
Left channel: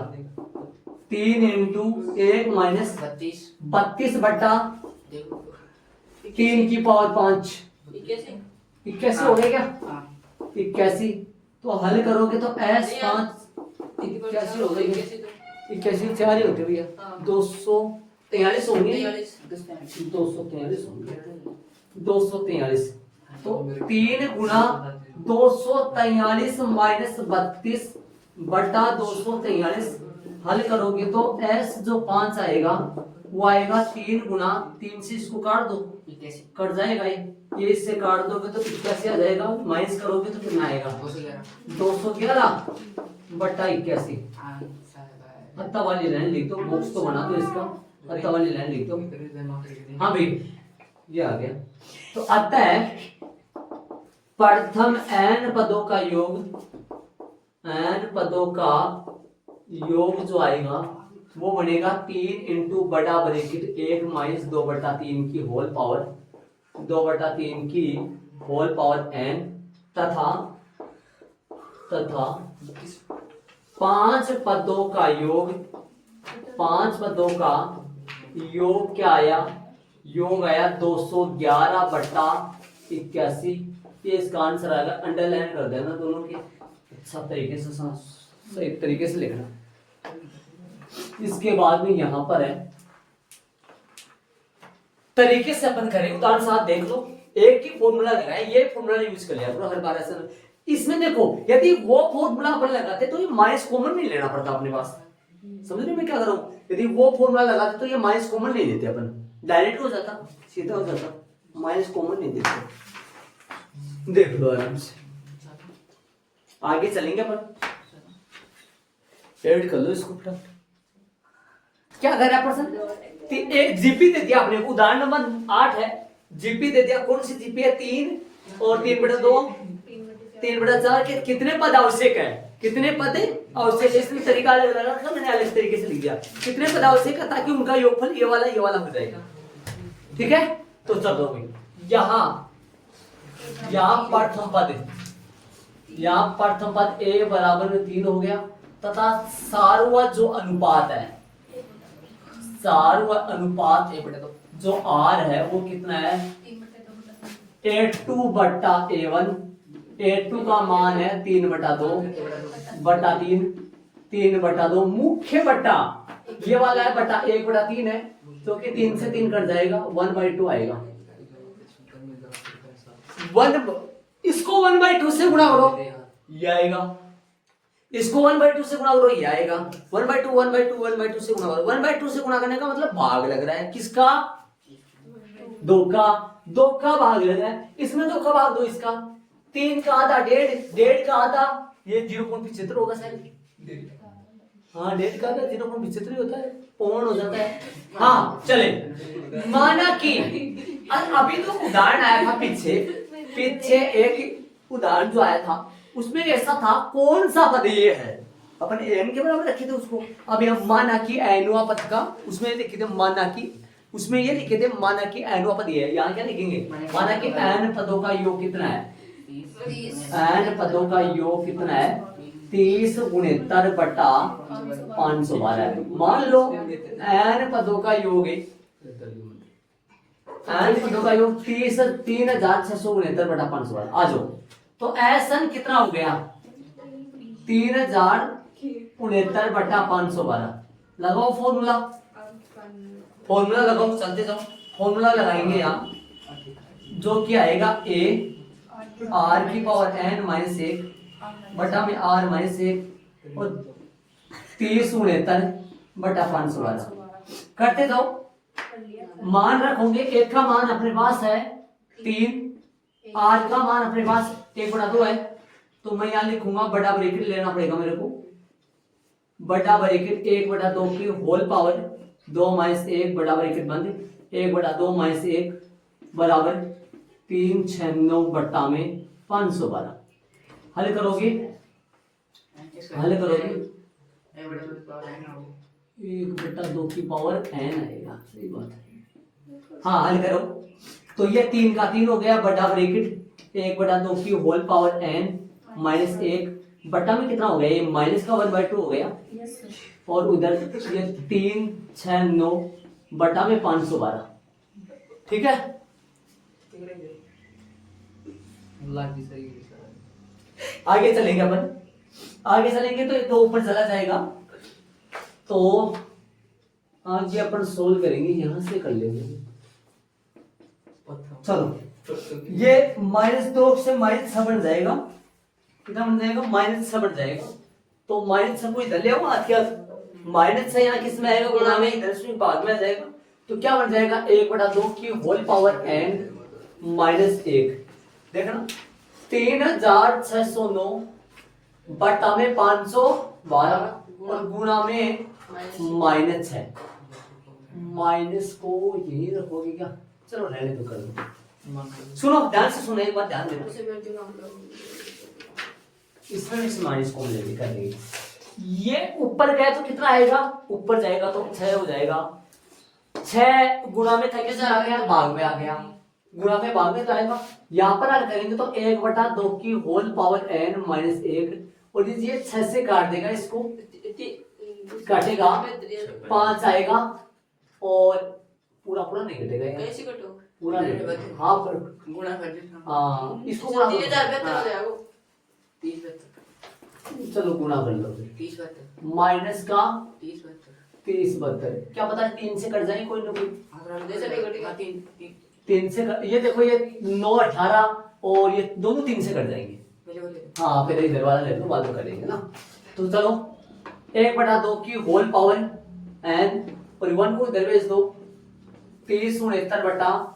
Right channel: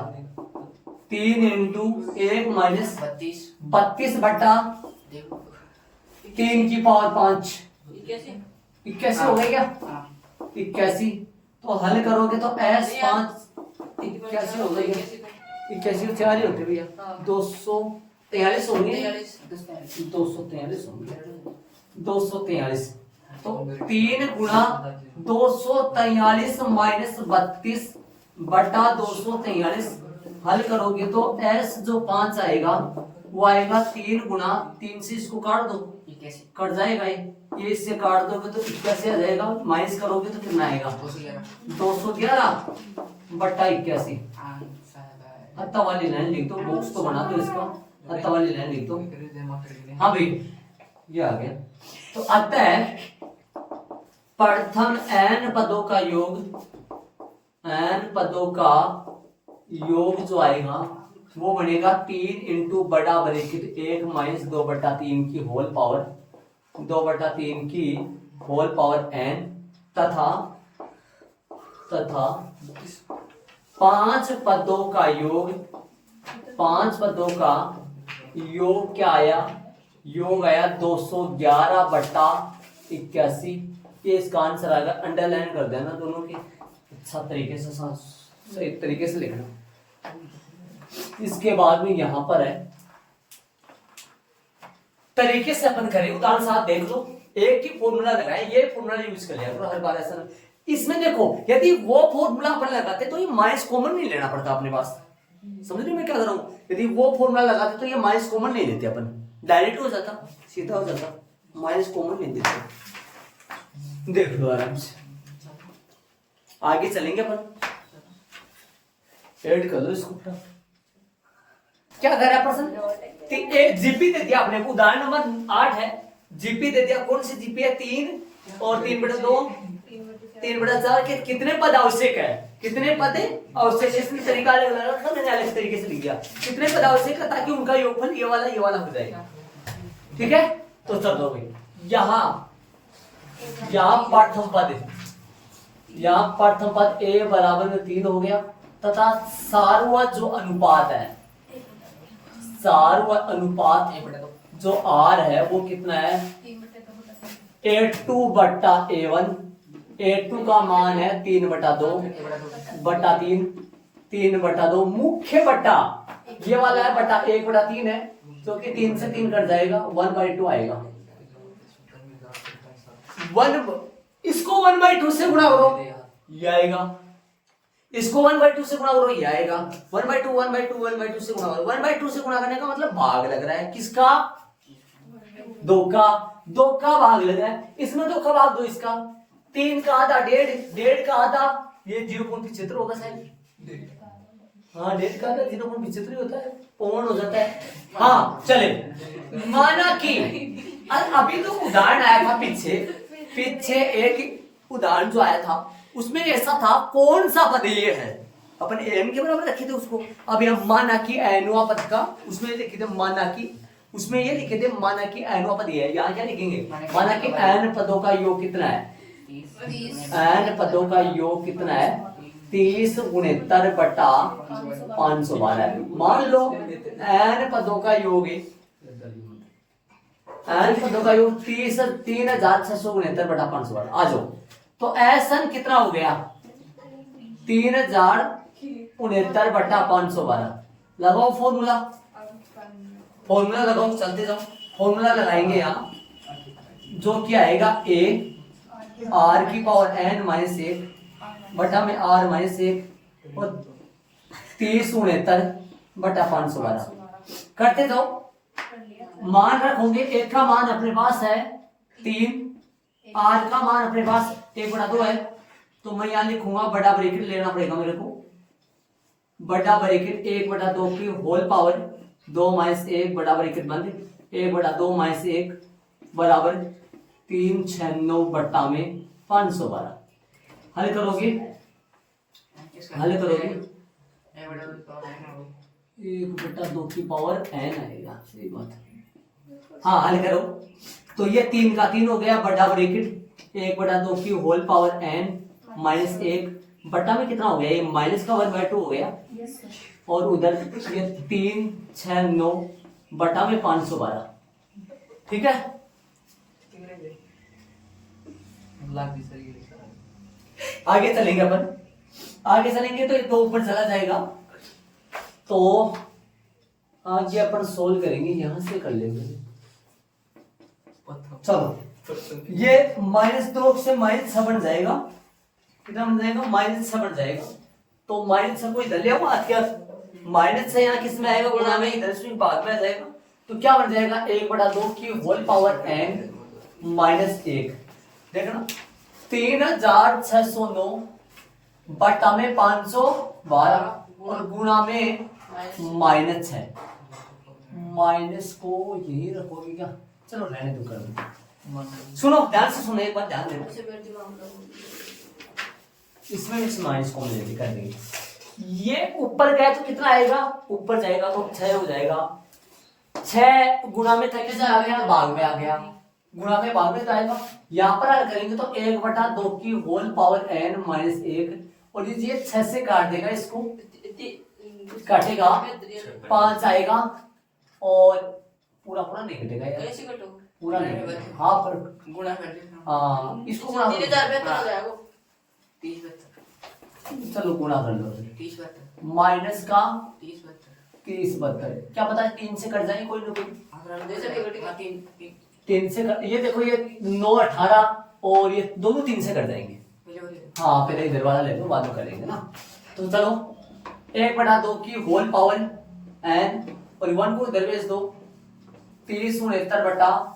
3 × 1 - 32/3 की पावर 5, 81 हो गया क्या, 81। तो हल करोगे तो S5 81 हो गई, 81 4 ही होते भैया, 243 होंगे, 243 होंगे, 243। तो 3 × 243 - 32/243 हल करोगे तो S जो 5 आएगा वो आएगा 3 × 3 से इसको काट दो, कट जाएगा ये इससे काट दोगे तो 81 आ जाएगा, माइनस करोगे तो कितना आएगा 211/81। हत्ता वाली लाइन लिख दो, बॉक्स तो बना दो इसका, हत्ता वाली लाइन लिख दो। हाँ भाई ये आ गया। तो अतः प्रथम n पदों का योग, n पदों का योग जो आएगा वो बनेगा 3 × बड़ा ब्रैकेट 1 - 2/3 की होल पावर 2/3 की होल पावर n तथा 5 पदों का योग, 5 पदों का योग क्या आया, योग आया 211/81। ये इसका आंसर आएगा, अंडरलाइन कर देना दोनों की, अच्छा तरीके से सही तरीके से लिखना। इसके बाद में यहां पर है तरीके से अपन करें, उदाहरण साथ देख लो, एक ही फॉर्मूला लगाए, ये फॉर्मूला यूज कर लिया हर बार ऐसा। इसमें देखो यदि वो फॉर्मूला अपन लगाते तो ये माइनस कॉमन नहीं लेना पड़ता अपने पास, समझ रहे मैं क्या कर रहा हूं, यदि वो फॉर्मूला लगाते तो ये माइनस कॉमन नहीं लेते अपन, डायरेक्ट हो जाता, सीधा हो जाता, माइनस कॉमन नहीं देते। देख लो आराम से, आगे चलेंगे अपन, ऐड कर लो इसको। क्या कर रहा प्रश्न, एक जीपी दे दिया आपने, उदाहरण नंबर 8 है, जीपी दे दिया, कौन सी जीपी है, 3 और 3/2 3/4 के कितने पद आवश्यक है, कितने पद आवश्यक है, इसमें तरीका अलग अलग रखा मैंने, अलग तरीके से लिख दिया, कितने पद आवश्यक है ताकि उनका योगफल ये वाला हो जाएगा, ठीक है। तो चलो भाई यहाँ प्रथम पद, यहाँ प्रथम पद a = 3 हो गया, तथा सार्वज जो अनुपात है, सार्वज अनुपात जो r है वो कितना है, A2/A1, A2 का मान है 3/2/3, 3/2 मुख्य बटा, ये वाला है बटा 1/3 है, जो कि 3 से 3 कट जाएगा, 1/2 आएगा। इसको 1/2 से गुणा करो ये आएगा, इसको 1/2 से गुणा करो ये आएगा, 1/2 1/2 1/2 से गुणा करो, 1/2 से गुणा करने का मतलब भाग लग रहा है, किसका, 2 का भाग लग रहा है, इसमें 2 का भाग दो, इसका 3 का आधा 1.5 का आधा, ये 0.75 होगा शायद, हाँ 1.5 का आधा 0.75 होता है, पौन हो जाता है। हाँ चले, माना कि अभी तो उदाहरण आया था पीछे एक उदाहरण जो आया था उसमें ऐसा था, कौन सा पद ये है, अपन एन के बराबर रखे थे उसको। अब यहाँ माना कि एनुआ पद का, उसमें लिखे थे माना कि, उसमें ये लिखे थे माना कि एनुआ पद ये है, यहाँ क्या लिखेंगे, माना कि एन पदों का योग कितना है, एन पदों का योग कितना है, 30 गुणितर बटा 512 है। मान लो एन पदों का योग है, एन पदों का योग 3600 गुणितर बटा 512। आ जाओ, तो एसन कितना हो गया, 3069 बटा 512। लगाओ फॉर्मूला, फॉर्मूला लगाओ, चलते जाओ, फॉर्मूला लगाएंगे यहाँ, जो क्या आएगा ए आर की पावर एन माइनस 1 बटा में आर माइनस 1 और 3069 बटा 512 करते दो। मान रखोगे, एक का मान अपने पास है 3, आर का मान अपने पास 1/2 है, तो मैं यहाँ लिखूंगा बड़ा ब्रैकेट लेना पड़ेगा मेरे को, बड़ा ब्रैकेट 1/2 की होल पावर 2 माइनस 1 बड़ा ब्रैकेट बंद 1/2 माइनस 1 बराबर 396 बटा में 512। हल करोगे, हल करोगे 1/2 की पावर n आएगा, सही बात है। हाँ हल करो, तो ये 3 का 3 हो गया, बड़ा ब्रैकेट 1/2 की होल पावर n माइनस 1 बटा में कितना हो गया, ये माइनस का 1/2 हो गया, और उधर ये 369 बटा में 512। ठीक है, आगे चलेंगे अपन, आगे चलेंगे तो ये तो ऊपर चला जाएगा, तो आगे अपन सोल्व करेंगे, यहां से कर लेंगे। चलो ये -2 से -6 बन जाएगा, कितना बन जाएगा, -6 बन जाएगा। तो -6 को इधर ले आओ, माइनस है यहाँ किस में आएगा, गुणा में, इधर से बाद में आ जाएगा, तो क्या बन जाएगा 1/2 की होल पावर n माइनस 1। देखना 3609 बटा में 512 और गुणा में -6, माइनस को यही रखोगे क्या, चलो रहने दो, कर दो। सुनो ध्यान से सुनो, एक बार ध्यान देना, इसमें भी माइनस कॉमन लेके कर देंगे। ये ऊपर गए तो कितना आएगा, ऊपर जाएगा तो 6 हो जाएगा, 6 गुणा में था कितना आ गया, भाग में आ गया, गुणा में भाग में आएगा। यहाँ पर हल करेंगे तो 1/2 की होल पावर n माइनस 1, और ये 6 से काट देगा, इसको काटेगा 5 आएगा, और पूरा पूरा नहीं कटेगा यार, कैसे कटो पूरा नहीं कटेगा, हाँ पर गुणा कर देना, हाँ इसको गुणा 30 चलो गुणा कर लो, 30 माइनस का 30 72, क्या पता है 3 से कट जाए कोई ना कोई, 3 3 से ये देखो, ये 9 18 और ये दोनों 3 से कट जाएंगे। हाँ पहले इधर वाला ले लो, बाद में करेंगे ना। तो चलो 1/2 की होल पावर n और 1 को इधर भेज दो, 3069 बटा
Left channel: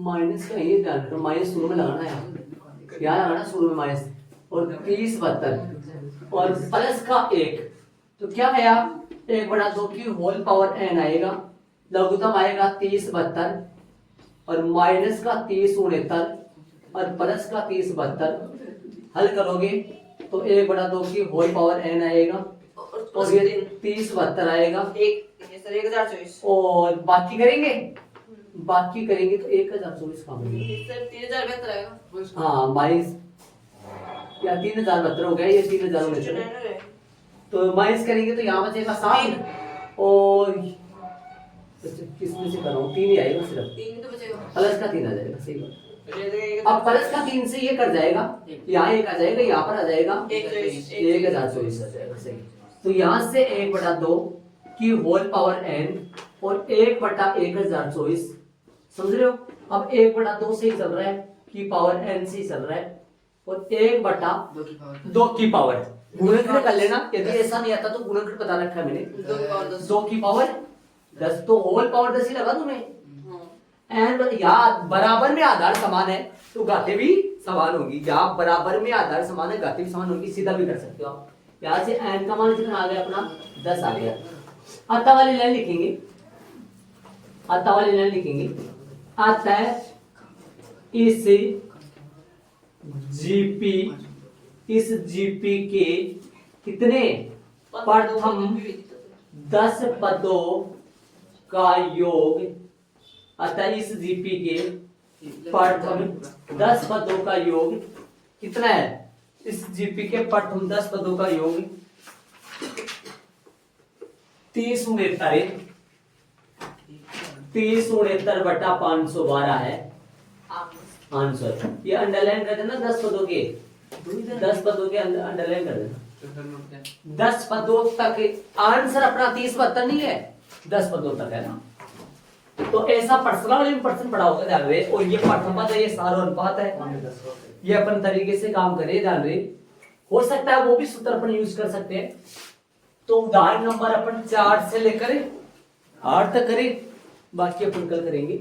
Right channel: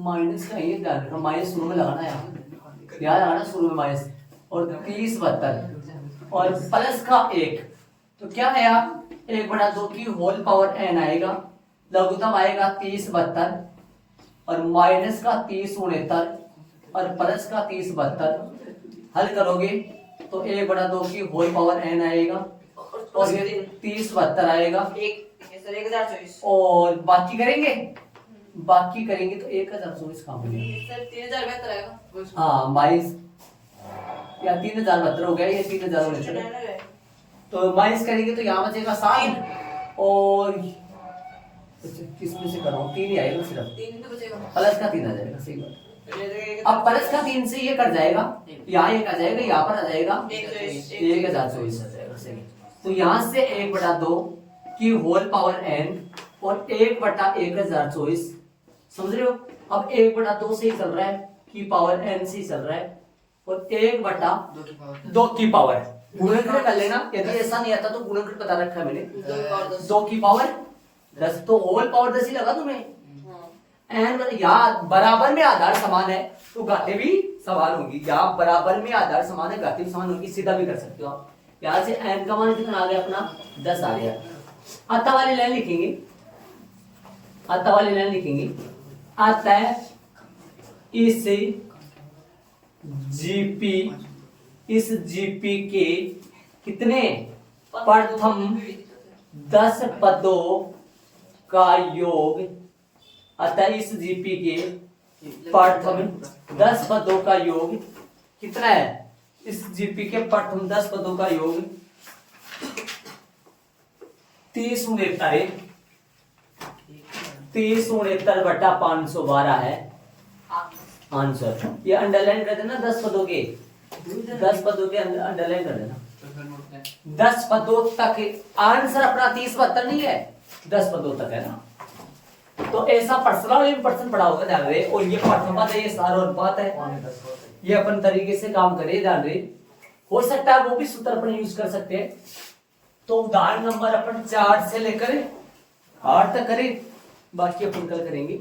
माइनस का ये ध्यान रखो, माइनस शुरू में लगाना है, यहाँ लगाना शुरू में माइनस, और 3072 और प्लस का 1, तो क्या आया 1/2 की होल पावर n आएगा, लघुत्तम आएगा 3072 और माइनस का 3069 और प्लस का 3072। हल करोगे तो 1/2 की होल पावर n आएगा और ये 3072 आएगा, 1024 और बाकी करेंगे, बाकी करेंगे तो 1024 काम हो गया, 3072 आएगा, हाँ माइनस या 3072 हो गया, ये 3069, तो माइनस करेंगे तो यहाँ बचेगा 7, और किसमें से कर रहा हूँ, 3 ही आएगा सिर्फ, 3 तो बचेगा, प्लस का 3 आ जाएगा, सही बात। अब प्लस का 3 से ये कट जाएगा, यहाँ एक आ जाएगा, यहाँ पर आ जाएगा 1024 आ जाएगा, सही। तो यहाँ से 1/2 की होल पावर n और 1/1024, समझ रहे हो। अब 1/2 से ही चल रहा है, की पावर n से ही चल रहा है, और 1/2 की पावर गुणनखंड कर लेना, यदि ऐसा नहीं आता तो गुणनखंड बता रखा है मैंने, 2 की पावर 10, तो होल पावर 10 ही लगा दूं मैं, एन याद बराबर में आधार समान है तो घाते भी समान होगी, या बराबर में आधार समान है घाते भी समान होगी, सीधा भी कर सकते हो आप। यहाँ से एन का मान कितना आ गया अपना 10 आ गया। आता वाली लाइन लिखेंगे, आता वाली लाइन लिखेंगे, आता है इस जीपी इस जीपी के कितने प्रथम 10 पदों का योग, अतः इस जीपी के प्रथम 10 पदों का योग कितना है? इस जीपी के प्रथम 10 पदों का योग 30 बटा 512 है आंसर। ये अंडरलाइन कर देना 10 पदों के, 10 पदों के अंडरलाइन कर देना। 10 पदों तक आंसर अपना 30-72 नहीं है, 10 पदों तक है ना। तो ऐसा पर्सनल इंपर्सन पढ़ा होगा ध्यान रहे। और ये प्रथम पद है, ये सारा अनुपात है, ये अपन तरीके से काम करे ध्यान रहे। हो सकता है वो भी सूत्र अपन यूज कर सकते हैं। तो उदाहरण नंबर अपन 4 से लेकर 8 तक करें, बाकी अपन कल करेंगे।